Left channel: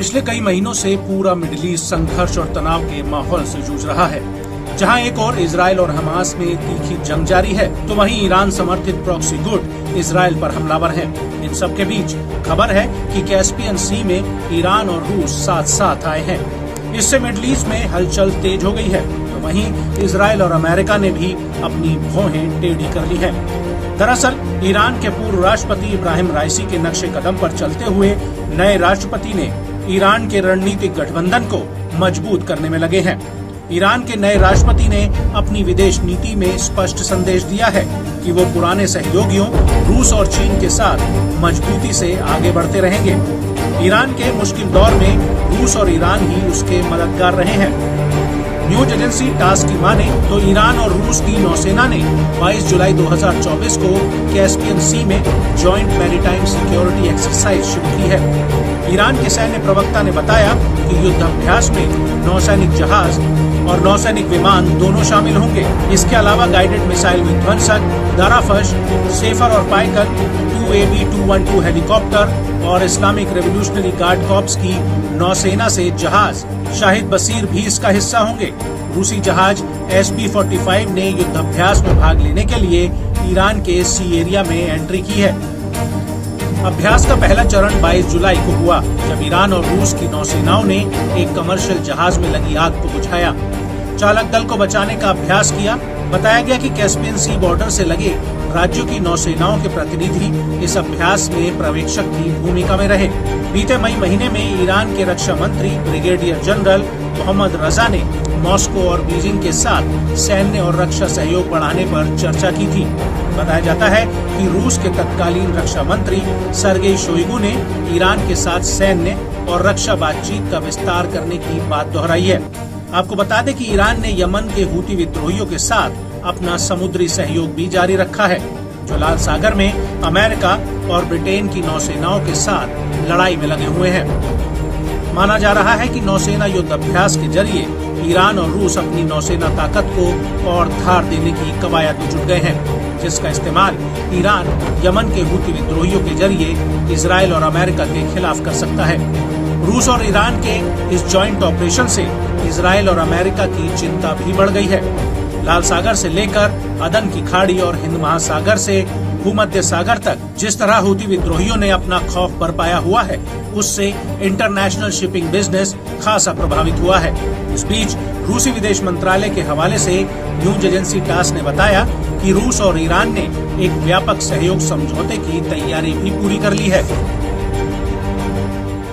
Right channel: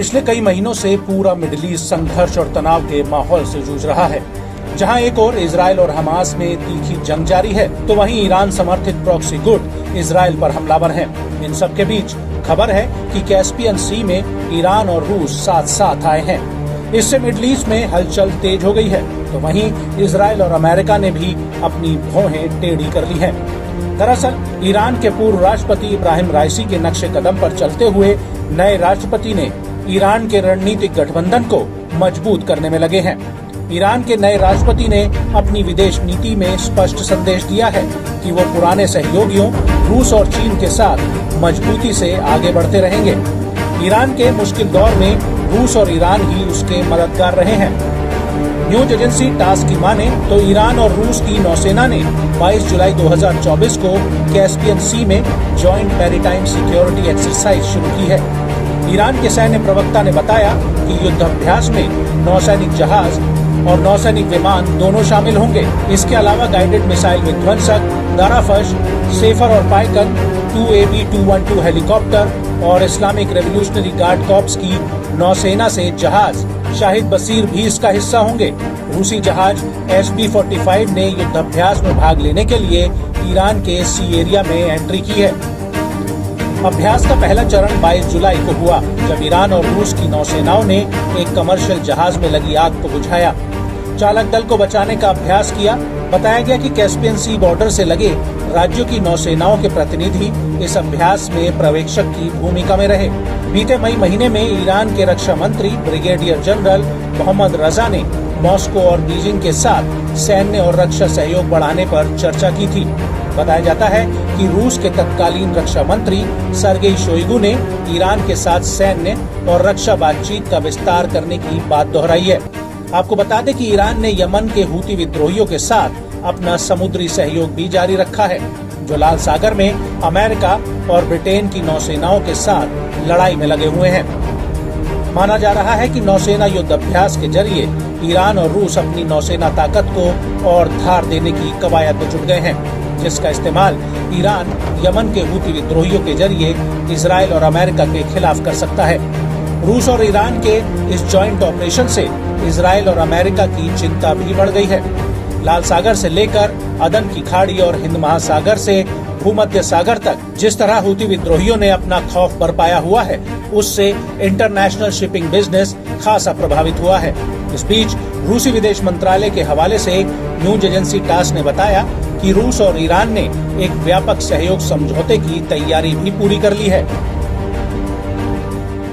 पिछले कई महीनों से पूरा मिडिल ईस्ट संघर्ष और तनाव के माहौल से जूझ रहा है। जहां एक ओर इजराइल और हमास में तीखी जंग जारी है, तो वहीं ईरान समर्थित प्रॉक्सी गुट इजराइल पर हमलावर हैं। इन सब के बीच खबर है कि कैस्पियन सी में ईरान और रूस साथ साथ आए हैं। इससे मिडिल ईस्ट में हलचल तेज हो गई है, तो वहीं इजराइल और अमेरिका ने भी अपनी भौहें टेढ़ी कर ली हैं। दरअसल ईरान के पूर्व राष्ट्रपति इब्राहिम राइसी के नक्शे कदम पर चलते हुए नए राष्ट्रपति ने ईरान के रणनीतिक गठबंधन को मजबूत करने में लगे हैं। ईरान के नए राष्ट्रपति ने अपनी विदेश नीति में स्पष्ट संदेश दिया है कि वो पुराने सहयोगियों रूस और चीन के साथ मजबूती से आगे बढ़ते रहेंगे। ईरान के मुश्किल दौर में रूस और ईरान ही उसके मददगार रहे हैं। न्यूज एजेंसी टास की माने तो ईरान और रूस की नौसेना ने 22 जुलाई 2024 को कैस्पियन सी में जॉइंट मैरीटाइम सिक्योरिटी एक्सरसाइज शुरू की है। ईरान के सैन्य प्रवक्ता ने बताया कि युद्ध अभ्यास में नौसैनिक जहाज और नौसैनिक विमान दोनों शामिल होंगे। इसके अलावा गाइडेड मिसाइल विध्वंसक, दाराफश, सेफर और पाइकन, 2AB-212 हेलीकॉप्टर और इस्लामिक रेवोल्यूशनरी गार्ड कॉर्प्स की नौसेना से जहाज शाहिद बसीर भी इसका हिस्सा होंगे। रूसी जहाज SB-45 ने युद्धाभ्यास में भाग लेने के लिए ईरान के सी एरिया में एंट्री की है। अभ्यास का पहला चरण 22 जुलाई को हुआ, जब ईरान और रूस की नौसेनाओं ने एक कमर्शियल जहाज में लगी आग को बुझाया। चालक दल को बचाने का अभ्यास किया। बताया गया कि कैस्पियन सी बॉर्डर से लगे राज्यों की नौसेनाओं के प्रतिनिधि इस अभ्यास में पर्यवेक्षक की भूमिका में रहे। बीते मई महीने में ईरान के रक्षा मंत्री ब्रिगेडियर जनरल मोहम्मद रजा ने मॉस्को और बीजिंग के साथ सैन्य और रक्षा सहयोग बढ़ाने पर चर्चा की थी। बताया जाता है कि रूस के तत्कालीन रक्षा मंत्री सर्गेई शोइगु ने ईरान के साथ सैन्य और रक्षा बातचीत का विस्तार करने की बात दोहराई है। आपको बता दें कि ईरान ने यमन के हूती विद्रोहियों के साथ अपना समुद्री सहयोग भी जारी रखा है, जो लाल सागर में अमेरिका और ब्रिटेन की नौसेनाओं के साथ लड़ाई में लगे हुए हैं। माना जा रहा है कि नौसेना युद्ध अभ्यास के जरिए ईरान और रूस अपनी नौसेना ताकत को और धार देने की कवायद में जुट गए हैं, जिसका इस्तेमाल ईरान यमन के हूती विद्रोहियों के जरिए इजराइल और अमेरिका के खिलाफ कर सकता है। रूस और ईरान के इस जॉइंट ऑपरेशन से इजराइल और अमेरिका की चिंता भी बढ़ गई है। लाल सागर से लेकर अदन की खाड़ी और हिंद महासागर से भूमध्य सागर तक जिस तरह हूती विद्रोहियों ने अपना खौफ बरपाया हुआ है, उससे इंटरनेशनल शिपिंग बिजनेस खासा प्रभावित हुआ है। इस बीच रूसी विदेश मंत्रालय के हवाले से न्यूज एजेंसी टास ने बताया कि रूस और ईरान ने एक व्यापक सहयोग समझौते की तैयारी भी पूरी कर ली है।